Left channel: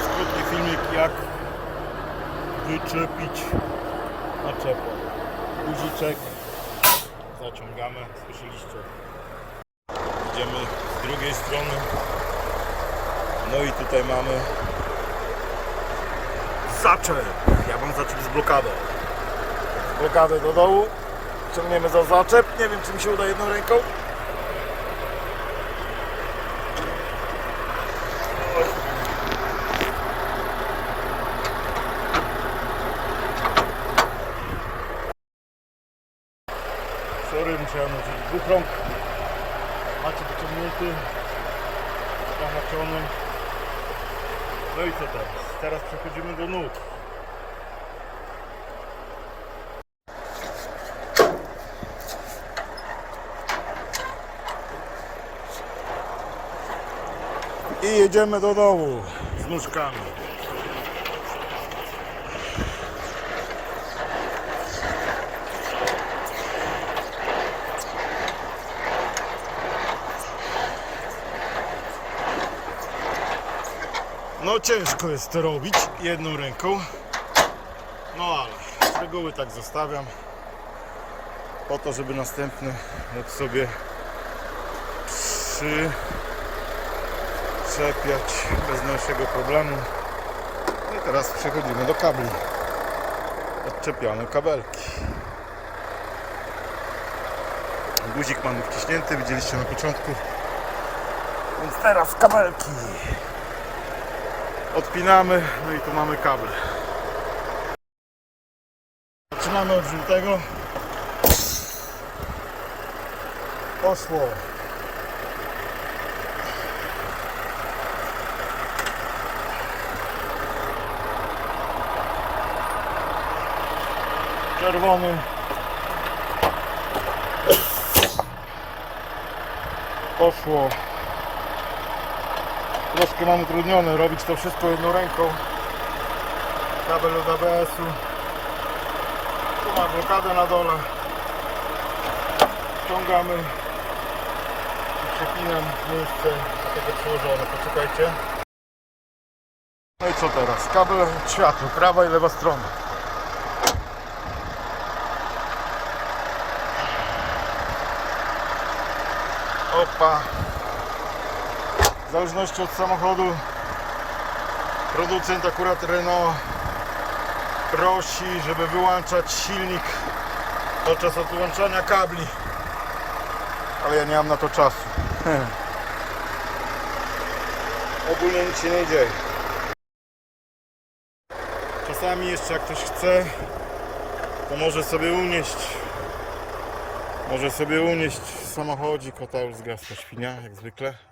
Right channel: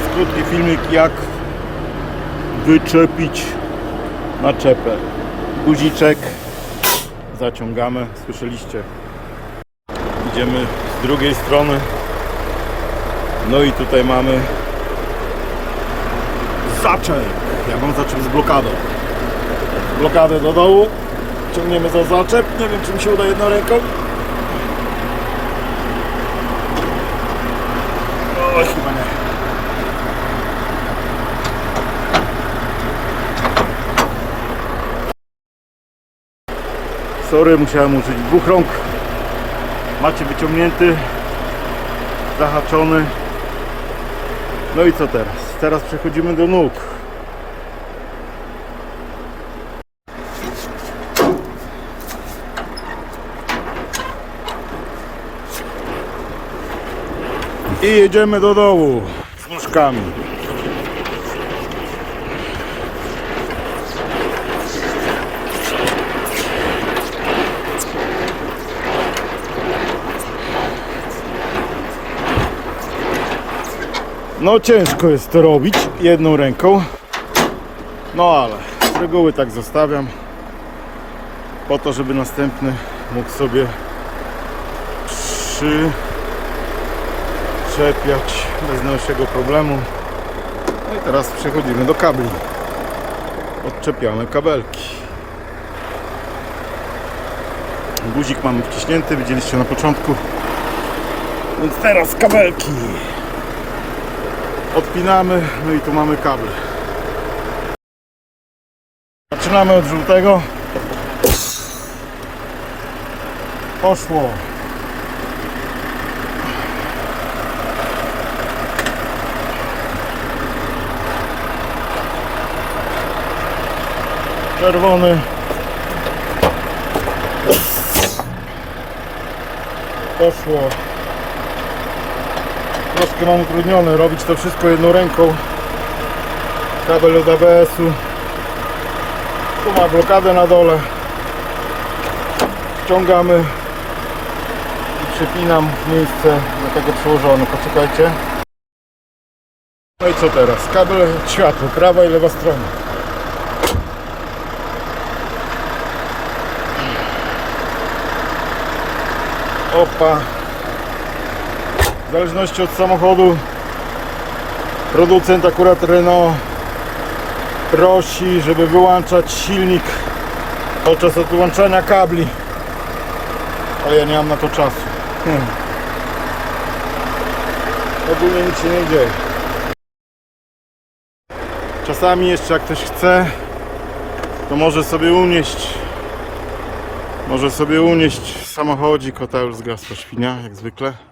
teraz krótki filmik jak wyczepić naczepę. Guziczek zaciągamy, słyszeliście. Idziemy z drugiej strony. No i tutaj mamy zaczep. Ja mam zaczep z blokadą. Blokadę do dołu. Ciągniemy za zaczep. Nie wiem czy mi się uda jedną ręką. O, chyba Sorry, musiałem użyć dwóch rąk. Macie wyciągnięty, zahaczony. No i co teraz? Teraz przechodzimy do nóg. I jedziemy do dołu z nóżkami. No ciężko jest to robić jedną ręką. No ale z reguły tak zostawiam. Po to, żeby następny mógł sobie przyczepiać bez najmniejszego problemu. No i teraz przechodzimy do kabli. Odczepiamy kabelki. Guzik mamy wciśnięty, widzieliście na początku. Więc teraz kabelki. Odpinamy, no i tu mamy kable. Zaczynamy od żółtego. Poszło. Czerwony. Poszło. Troszkę mam utrudnione robić to wszystko jedną ręką. Kabel od ABS-u. Tu ma blokadę na dole. Ściągamy i przypinam miejsce do tego przyłożone. Poczekajcie. No i co teraz? Kabel od światła, prawa i lewa strona. Opa. W zależności od samochodu producent akurat Renault prosi, żeby wyłączać silnik podczas odłączania kabli. Ale ja nie mam na to czasu. Ogólnie nic się nie dzieje. Czasami jeszcze jak ktoś chce, to może sobie unieść może sobie unieść samochodzik, o ta już zgasła świnia, jak zwykle.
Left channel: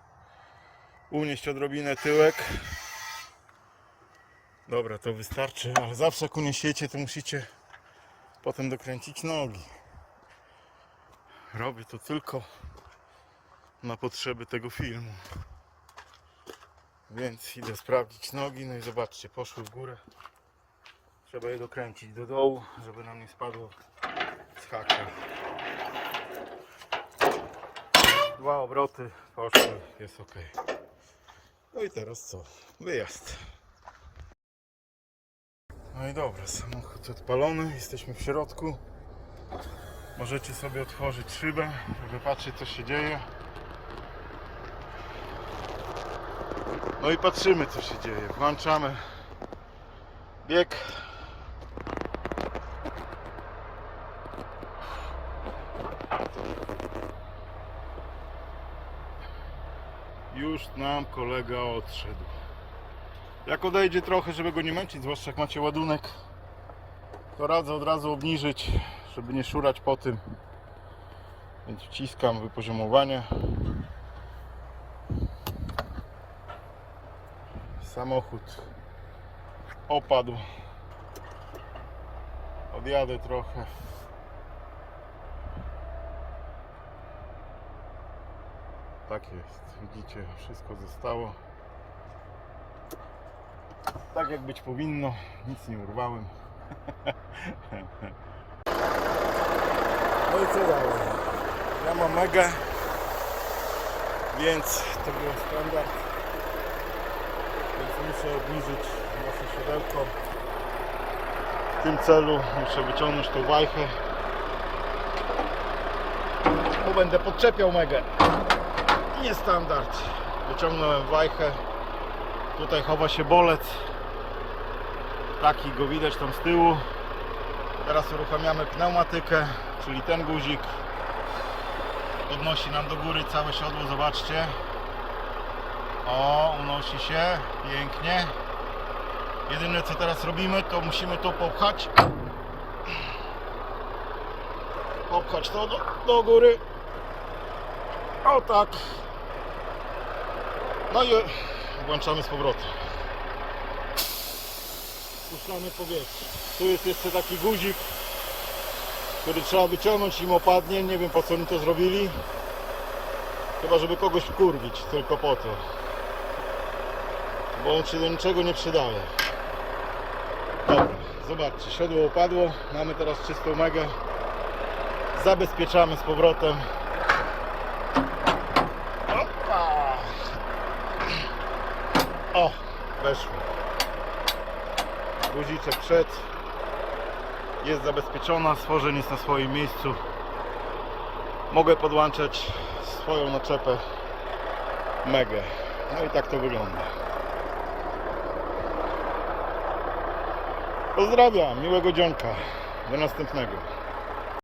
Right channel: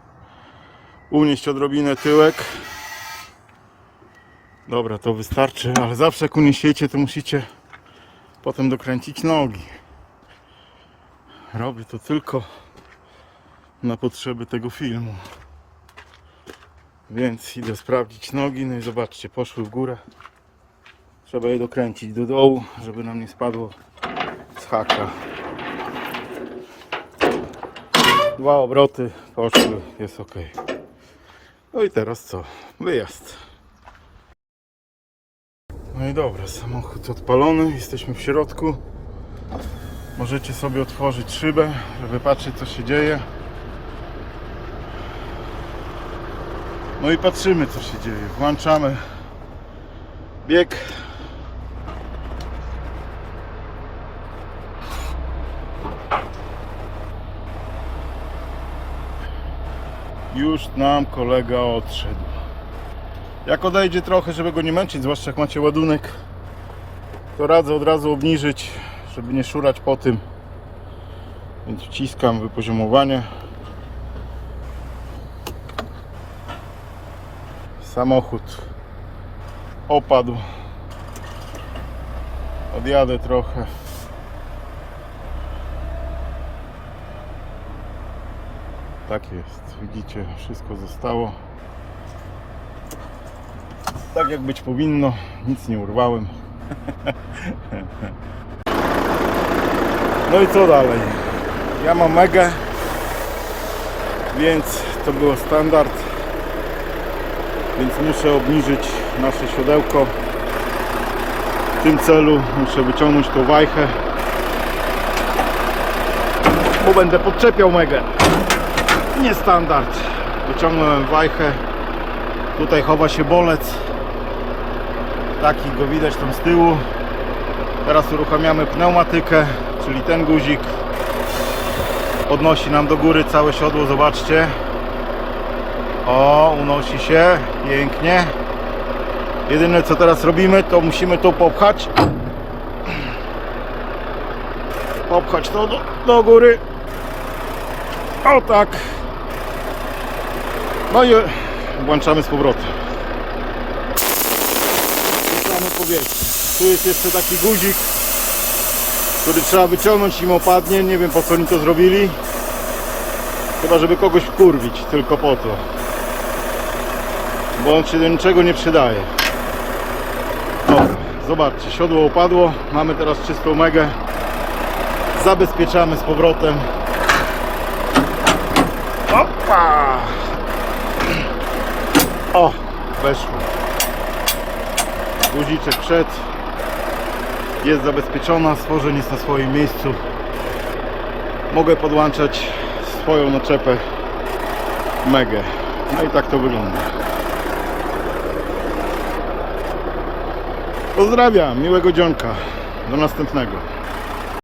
Unieść odrobinę tyłek. Dobra, to wystarczy, ale zawsze jak uniesiecie, to musicie potem dokręcić nogi. Robię to tylko na potrzeby tego filmu. Więc idę sprawdzić nogi, no i zobaczcie, poszły w górę. Trzeba je dokręcić do dołu, żeby nam nie spadło z haka. Dwa obroty poszły, jest ok. No i teraz co? Wyjazd. No i dobra, samochód odpalony, jesteśmy w środku. Możecie sobie otworzyć szybę, żeby patrzeć co się dzieje. No i patrzymy co się dzieje. Włączamy bieg. Już nam kolega odszedł. Jak odejdzie trochę, żeby go nie męczyć, zwłaszcza jak macie ładunek, to radzę od razu obniżyć, żeby nie szurać po tym. Więc wciskam wypoziomowanie. Samochód opadł. Odjadę trochę. Tak jest, widzicie, wszystko zostało tak jak być powinno, nic nie urwałem. No i co dalej? Ja mam megę, więc to było standard. więc muszę obniżyć nasze siodełko. W tym celu muszę wyciągnąć tą wajchę, bo będę podczepiał megę. Nie standard. Wyciągnąłem wajchę. Tutaj chowa się bolec. Taki go widać tam z tyłu. Teraz uruchamiamy pneumatykę, czyli ten guzik. Podnosi nam do góry całe siodło, zobaczcie. O, unosi się, pięknie. Jedyne co teraz robimy, to musimy to popchać. Popchać to do, do góry. O tak. No i włączamy z powrotem. Puszczamy powietrze. Tu jest jeszcze taki guzik, który trzeba wyciągnąć im opadnie. Nie wiem po co oni to zrobili. Chyba żeby kogoś wkurwić, tylko po to. Bo on się do niczego nie przydaje. Dobra, zobaczcie, siodło upadło. Mamy teraz czystą megę. Zabezpieczamy z powrotem. Opa! O, weszło. Guziczek przed. Jest zabezpieczona, stworzeń jest na swoim miejscu. Mogę podłączać swoją naczepę megę. No i tak to wygląda. Pozdrawiam, miłego dzionka. Do następnego.